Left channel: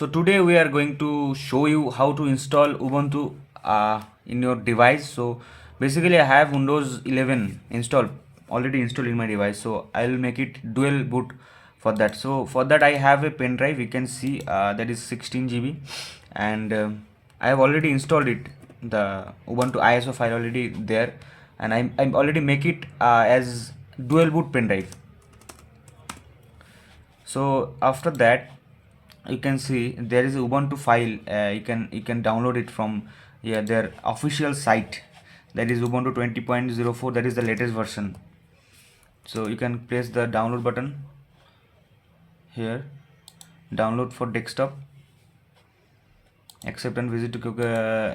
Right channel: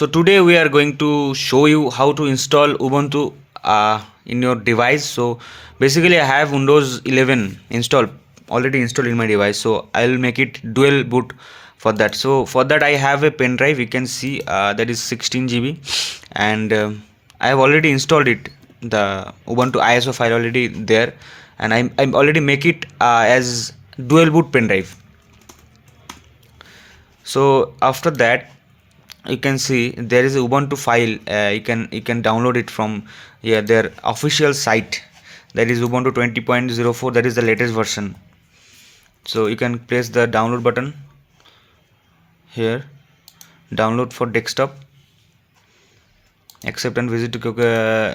So today we are going to show you how to install Ubuntu in your device. So basically I have Windows 11 already installed in my device. So I'll make it dual boot for that. So for that I have a pen drive. You can see that is 16 GB, and I have already installed it. The Ubuntu ISO file already there, and I'm already make it as dual boot pen drive. So after that, you can see there is a Ubuntu file. You can download it from their official site, that is Ubuntu 20.04. that is the latest version. So you can press the download button here, download for desktop, accept and visit to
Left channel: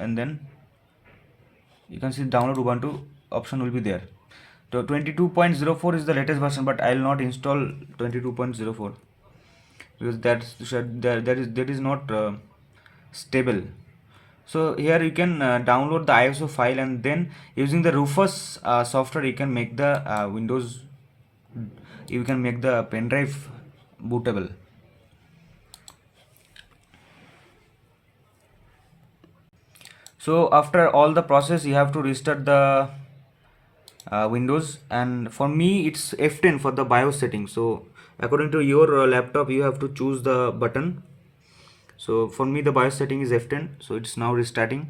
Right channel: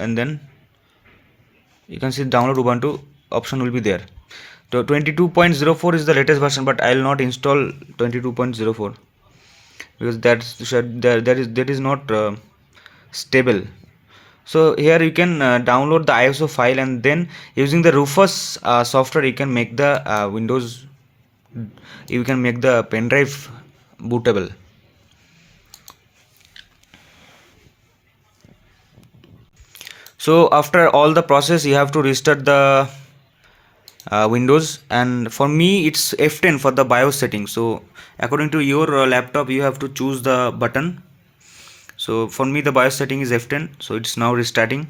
and then you can see download Ubuntu option will be there. So 22.04 is the latest version, but I will not install 22.04 because that is not stable. So here you can download the ISO file, and then using the Rufus software you can make the you can make the pen drive bootable. So after all the process, you have to restart the Windows, and for me it's F10 for the BIOS setting. So according to your laptop you have to choose the button. So for me the BIOS setting is F10, so it's now restarting.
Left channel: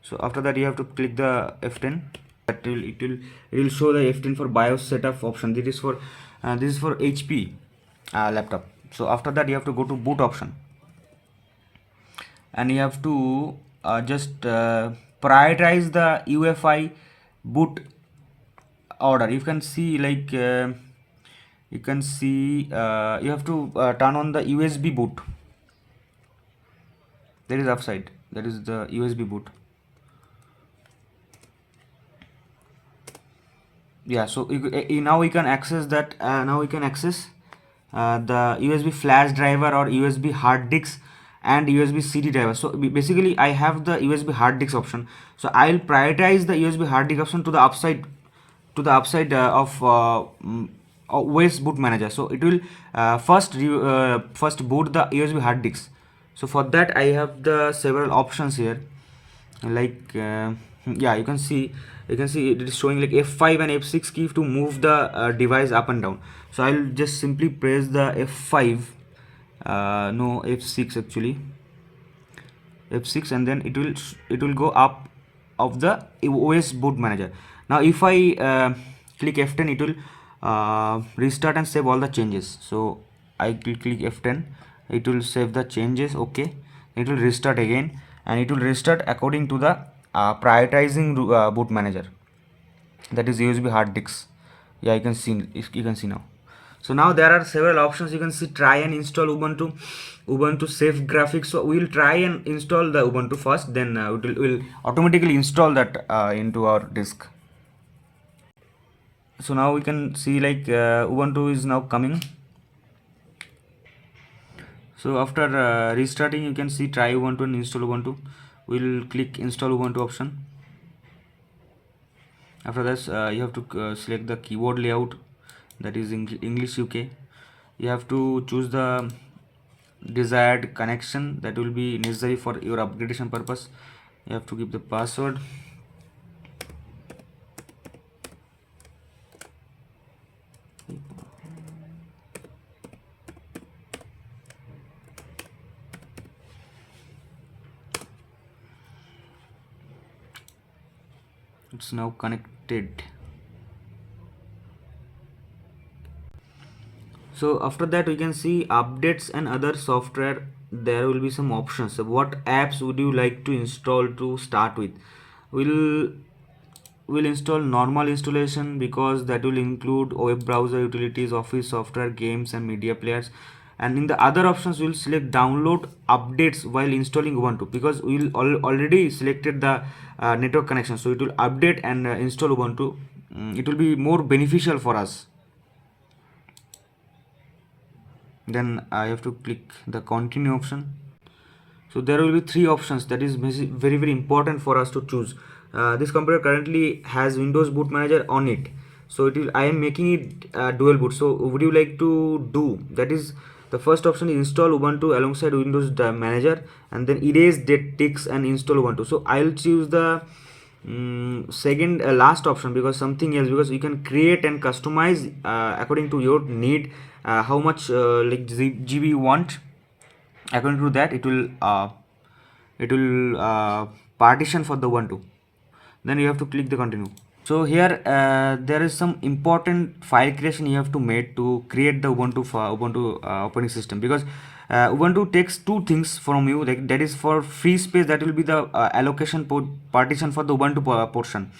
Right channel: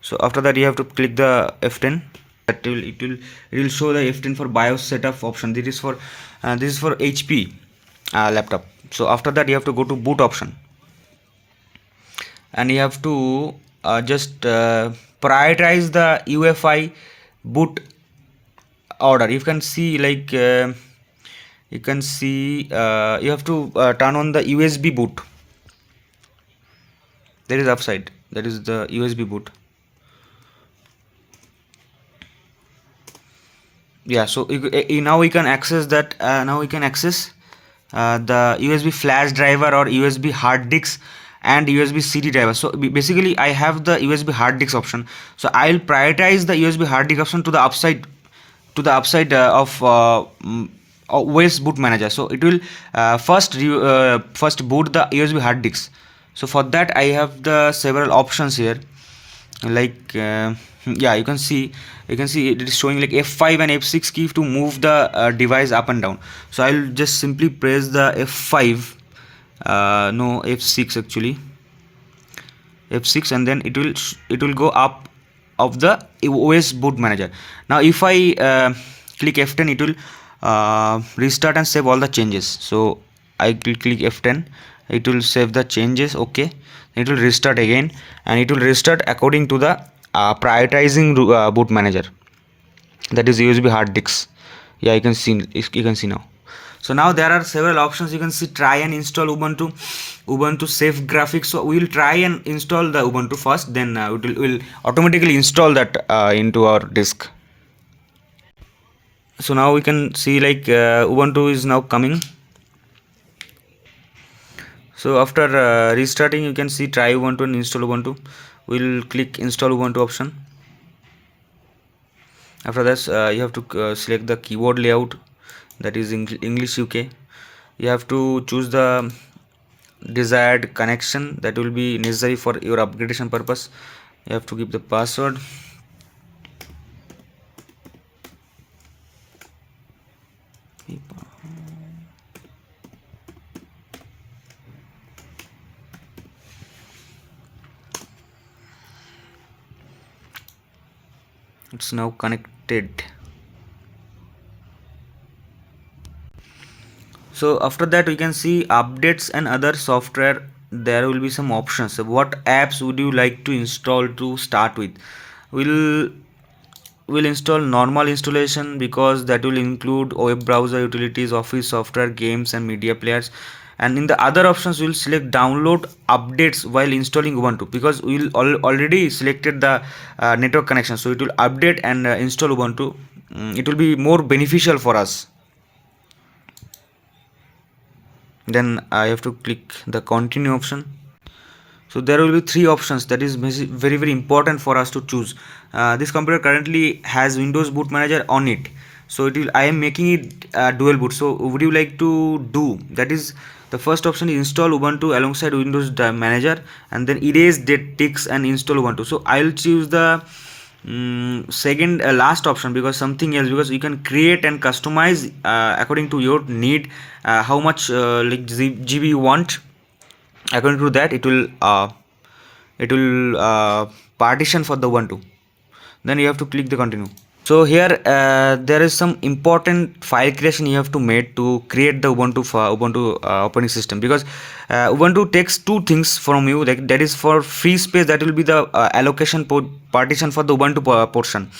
So after that you have to click the F10. It will show the F10 for BIOS setup option. This is for HP laptop. So after that you have to go to boot option, and you have to just prioritize the UEFI boot order. You can see you can see you have to turn on the USB boot. There is upside, that is the USB boot. Yeah, so now we can access that. Now we can access the USB flash driver or USB hard disk and USB CD driver. So basically I have the USB hard disk option, so I'll prioritize the USB hard disk option to the upside of OS boot manager. So it will first boot the USB hard disk. So for that I have the several options here, like yeah, you can see it is showing like F5 and F6 key to move the device up and down. So I'll just simply press the F5, no, F6 actually, F6, and then it will go up of the OS boot manager. Now if I click F10, it will restart and save all the changes. So I will click F10, it will save the changes. Okay, it will restart again, and it will restart according to the prioritizing boot manager, that is USB hard disks. Yeah, you can see now. So now there are several options. You can see try and install Ubuntu safe graphics. So we will try and install the Ubuntu first, then it will automatically install that into our disk. So now we can see like Ubuntu is now coming. So after restarting, you can see try Ubuntu and install Ubuntu. We'll click install Ubuntu option. After this you have to select the keyboard layout, that is English UK. You have to choose the desired connection that will be necessary for your upgradation purpose. You have to give the password. It's now connected. So after that we can see updates and other software. There will be some options. So what apps would you like to install to start with? We'll install normal installation, because that will include web browser, utilities, office software, games and media players. And in the other options we'll select download updates while installing Ubuntu, because we'll already selected the network connection, so it will update and install Ubuntu. It will be more beneficial for us. Then I have to click the continue option. So there will be three options, that is very important for us to choose. This computer currently has Windows boot manager on it, so I am making it dual boot. So would you like to do that? Is The first option is install Ubuntu alongside Windows Manager, and then erase that ticks and install Ubuntu. So I'll choose the second last option, because something else, because you can create and customize according to your need, how much like GB you want. According to that, it will partition for the Ubuntu. Then you have to click the continue. So here there is some important file creation you have to make to create the Ubuntu operating system, because Ubuntu takes two things from you, that is for free space, that will be the allocation partition for the Ubuntu portion.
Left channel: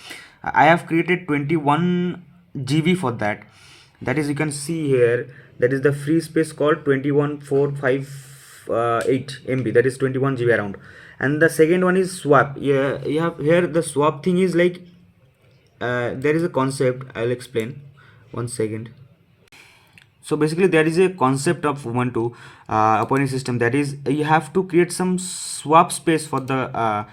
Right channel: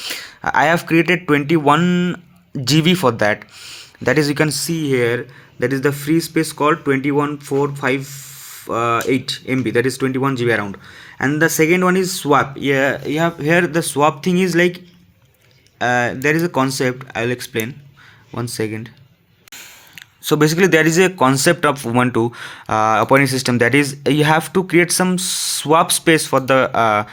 I have created 21 GB for that. That is, you can see here, that is the free space called 21.04 MB, that is 21 GB around. And the second one is swap. Yeah, you have here the swap thing is like, there is a concept, I'll explain. One second. So basically there is a concept of Ubuntu operating system, that is you have to create some swap space for the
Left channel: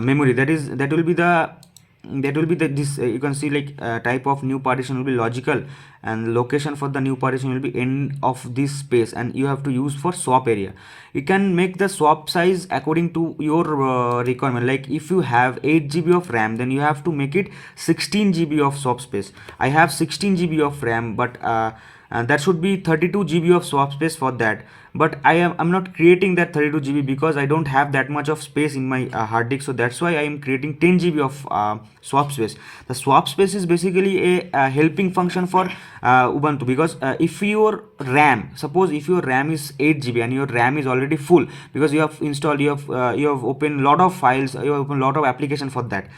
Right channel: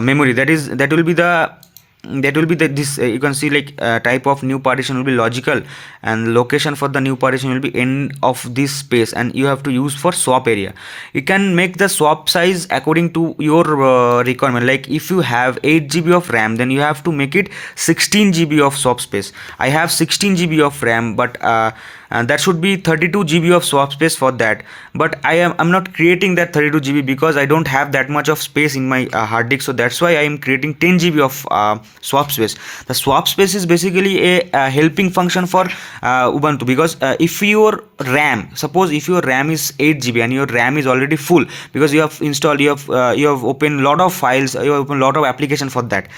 memory. That will be the this you can see like type of new partition will be logical, and location for the new partition will be end of this space, and you have to use for swap area. You can make the swap size according to your requirement. Like if you have 8 GB of RAM, then you have to make it 16 GB of swap space. I have 16 GB of RAM, but and that should be 32 GB of swap space for that. But I'm not creating that 32 GB because I don't have that much of space in my hard disk. So that's why I am creating 10 GB of swap space. The swap space is basically a helping function for Ubuntu, because if your RAM, suppose if your RAM is 8 GB and your RAM is already full, because you have installed, you have opened lot of files, you have opened lot of application for that.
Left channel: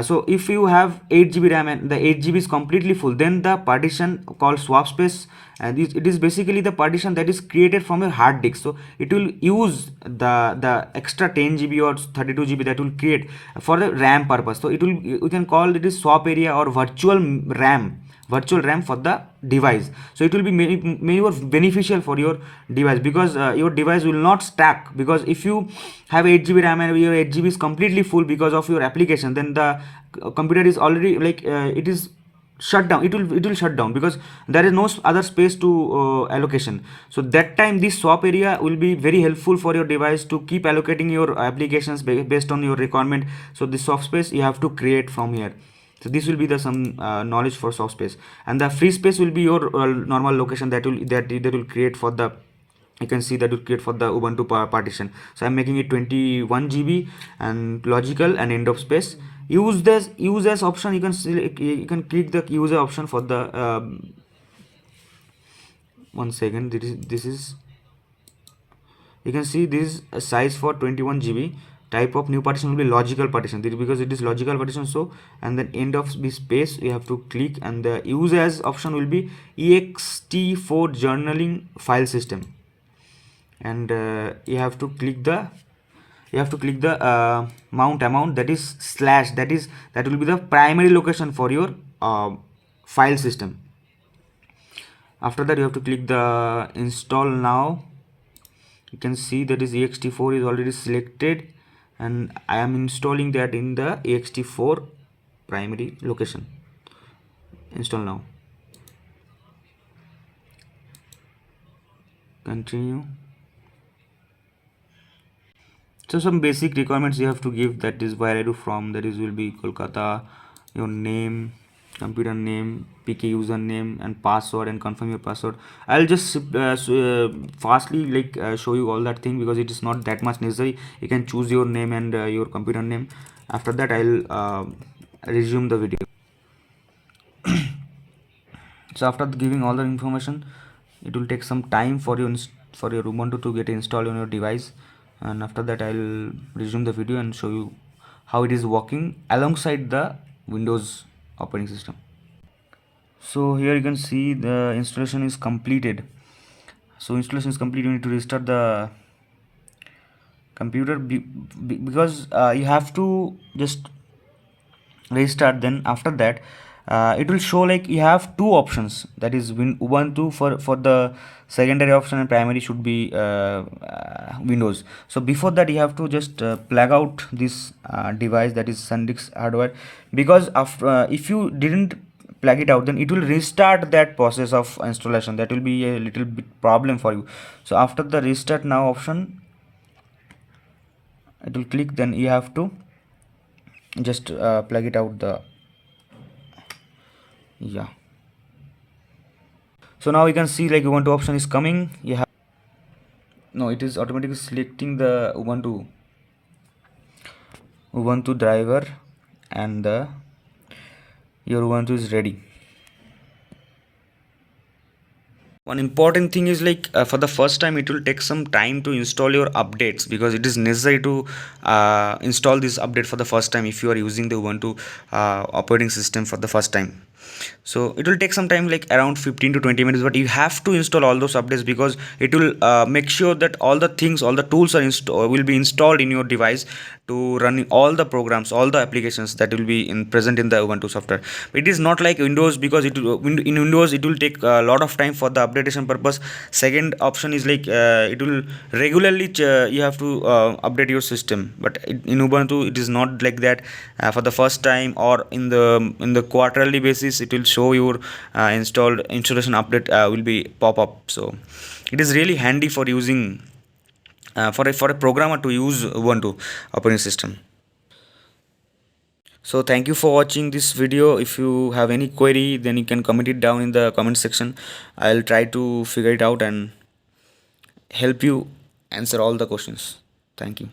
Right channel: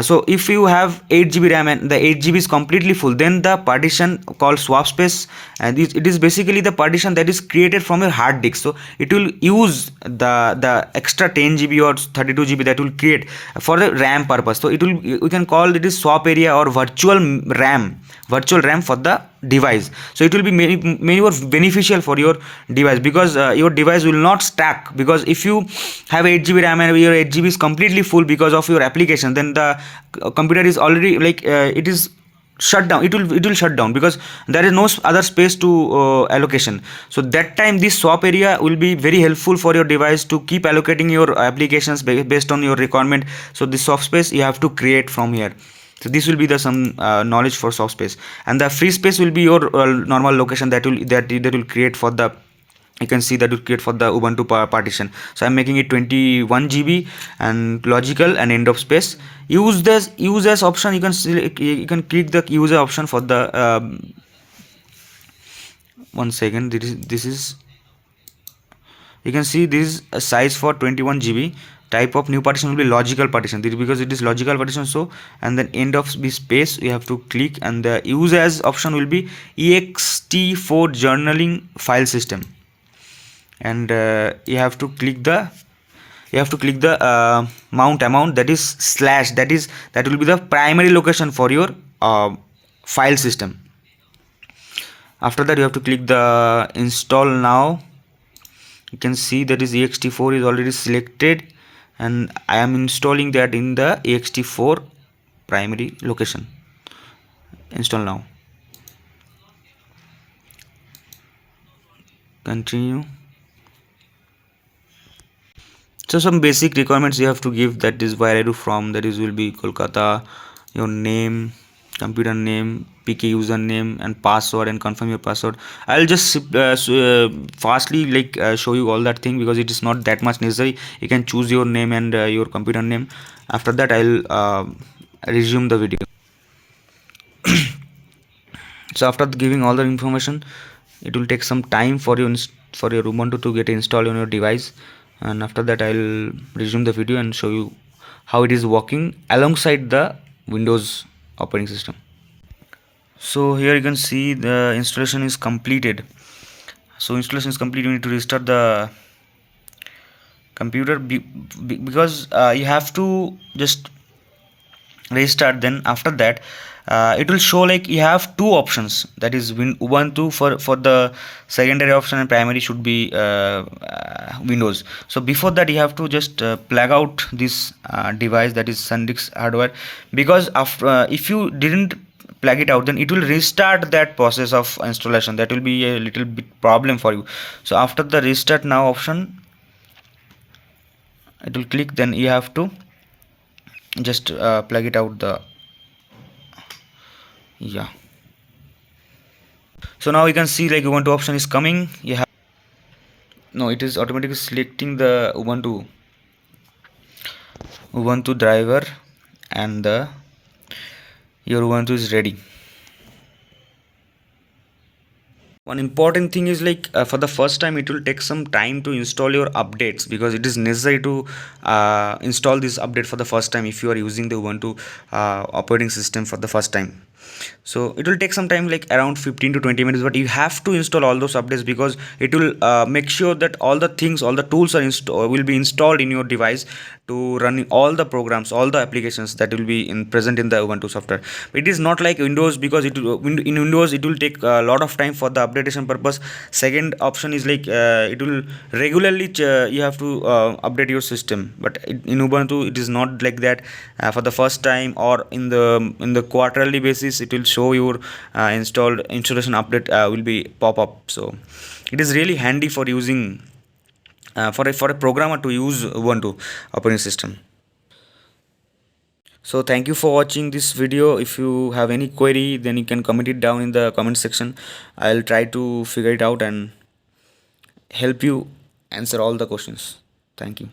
So if you have 8 GB RAM and the 8 GB is completely full, then the partition called swap space, and it is basically the partition that is created from your hard disk. So it will use the extra 10 GB or 32 GB that will create for the RAM purpose. So it will, we can call it is swap area or virtual RAM for the device. So it will be many more beneficial for your device, because your device will not stack, because if you have 8 GB RAM and your 8 GB is completely full because of your application, then the computer is already like it is shut down. It will shut down, because there is no other space to allocation. So that time this swap area will be very helpful for your device to keep allocating your applications based on your requirement. So this swap space you have to create from here. So this will be the some knowledge for swap space, and the free space will be your normal location that will create for the, you can see that will create for the Ubuntu partition. So I'm making it 21 GB and logical and end of space. Use this use as option. You can click the user option for the one second. This is you can see this is a size for 21 GB. Type of new partition will be logical partition, because it is logical partition. So, and then end of this space you have to click, and the use as option will be ext4 journaling file system, and you have to click the mount amount, that is slash, that will be the primary location for your file system. After that you have to click the install now. You can see that is ext4 is already selected, and I am installing that in the ext4 primary location. Install now. Continue. So some basic requirements you have to give, that is where I do from, that is will be Kolkata, your name, computer name, PK username and password, and confirm your password. I'll just fastly like show you all that thing, because it is not that much necessary. You can choose your name and your computer name. After that I'll resume the video. So after giving all the information, it will take some time for your Ubuntu to get installed on your device, and after that I'll resume the video and show you how it is working alongside the Windows operating system. So here you can see the installation is completed. So installation is complete. You need to restart the computer because you have to just restart. Then after that it will show like you have two options, that is Ubuntu for the secondary option, and primary should be Windows. So before that you have to just plug out this device, that is SanDisk hardware, because after if you didn't plug it out, then it will restart that process of installation. That will be a little bit problem for you. So after the restart now option, it will click, then you have to just plug it out the, yeah. So now you can see like Ubuntu option is coming. You have, no, it is automatically selecting the Ubuntu driver, and the your Ubuntu is ready. One important thing is like for the first time it will take some time to install your updates, because it is necessary to install this update for the first time if you are using the Ubuntu operating system for the first time. So it will take some time, like around 15 to 20 minutes, but you have to install all those updates, because it will make sure that all the things, all the tools are will be installed in your device to run all the programs, all the applications that will be present in the Ubuntu software. It is not like Windows, because in Windows it will take a lot of time for the updation purpose. Second option is like it will regularly you have to update your system, but in Ubuntu it is not like that. For the first time or in the quarterly basis, it will show your installation update will be pop up. So it is really handy for using for a programmer to use Ubuntu operating system. So thank you for watching this video. If you have any query, then you can comment it down in the comment section. I'll try to figure it out and help you answer all the questions. Thank you.